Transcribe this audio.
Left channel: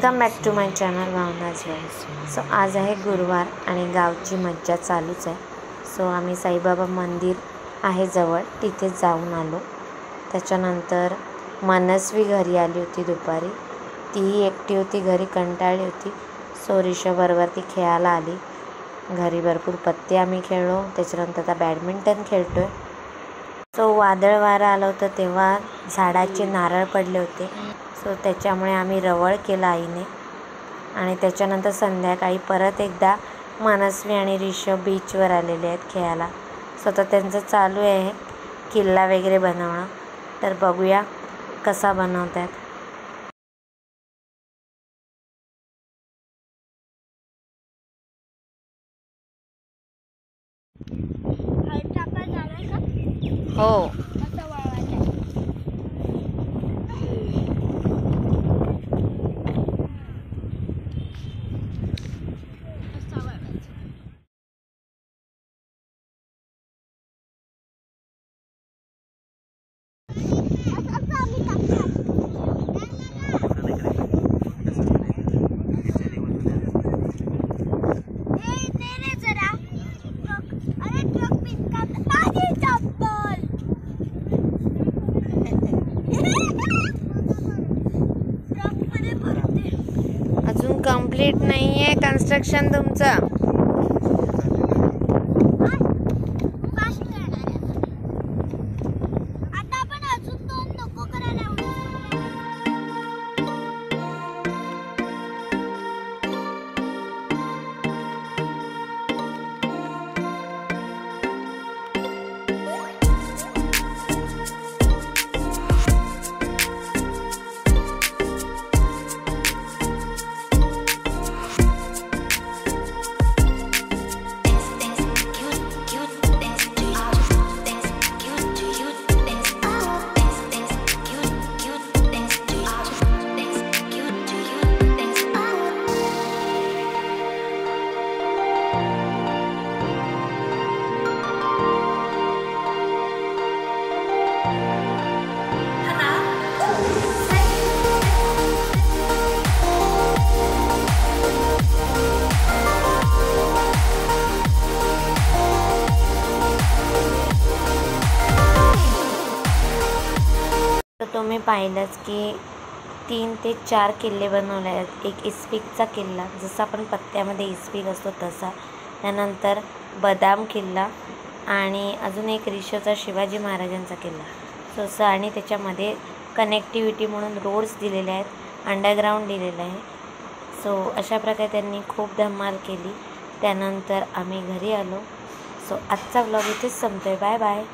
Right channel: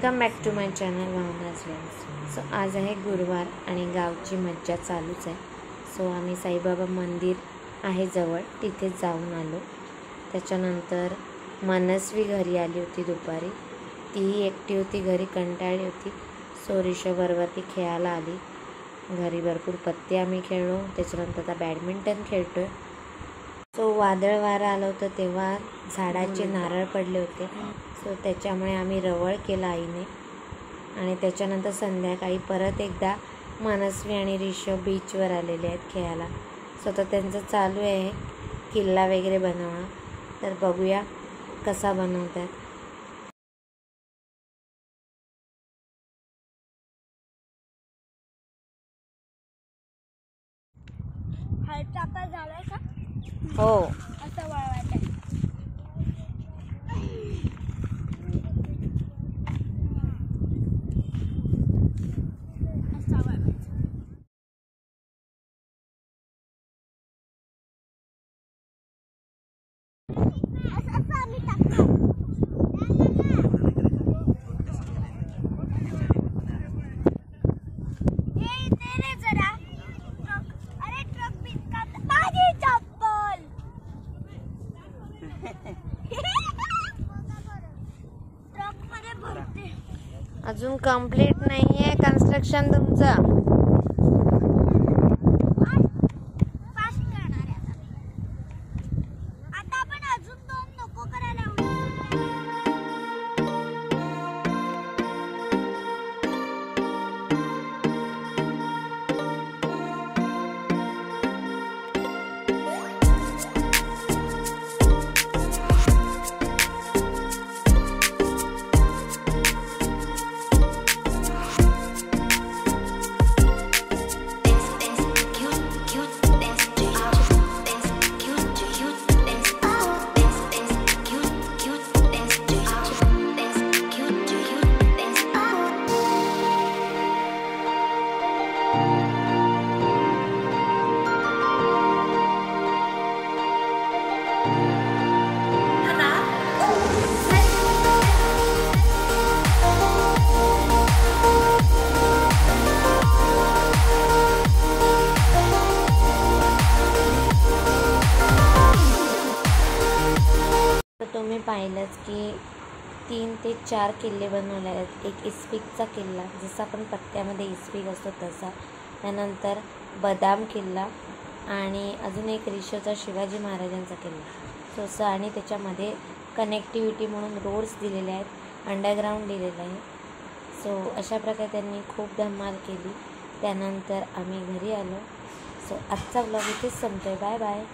Welcome back to my channel Bhavna's voice. So आज आहे गुरुवार आणि गावची मज्जा चालूच आहे। सो आम्ही साईबाबा मंदिर आहे जवळ, तिथे जाऊन आलो। त्याच्यानंतर मनस्वी घरी आली होती दुपारी, तीही एकटी होती घरी, कंटाळली होती। सो ऋषभबरोबर ती खेळायला आली घरी। भरपूर पत्ते आम्ही खेळलो, त्याच्यानंतर आता बॅडमिंटन खेळतोय। सो वादळ वारा आलं होतं तेव्हा झाडाचे नारळ पडले होते, सो त्याच्यामुळे आम्ही रवळ केला आईने। आणि त्याच्यानंतर संध्याकाळी परत एकदा मनस्वी आणि ऋषभ बीचवर आलेले आहेत खेळायला। सो आता त्यांचं चालू आहे किल्ला वगैरे बनवणं, तर बघूया कसा बनवतात। हो अजून कंप्लीट नाही आहे कन्स्ट्रक्शन तुमचं। तुम्ही पाहिलंच की 3 ते 4 किल्ले बनवले आहेत। एक इस्पिकचा किल्ला, जसा आपण पत्त्यामध्ये इस्पिक असतो तसा, त्यानंतर बदाम किल्ला आणि अजून एक ऋषभचा शिवाजी महाराजांचा किल्ला। सो आणि त्याच्यामध्ये कनेक्टिव्हिटी म्हणून रोड्स दिलेले आहेत, अंडरग्राऊंड दिलेलं आहे। सो अशा प्रकारे त्यांनी खूप धमाल केली। त्यानंतर आम्ही घरी आलो। सो आजचा व्लॉग इथेच संपतोय। Bye bye.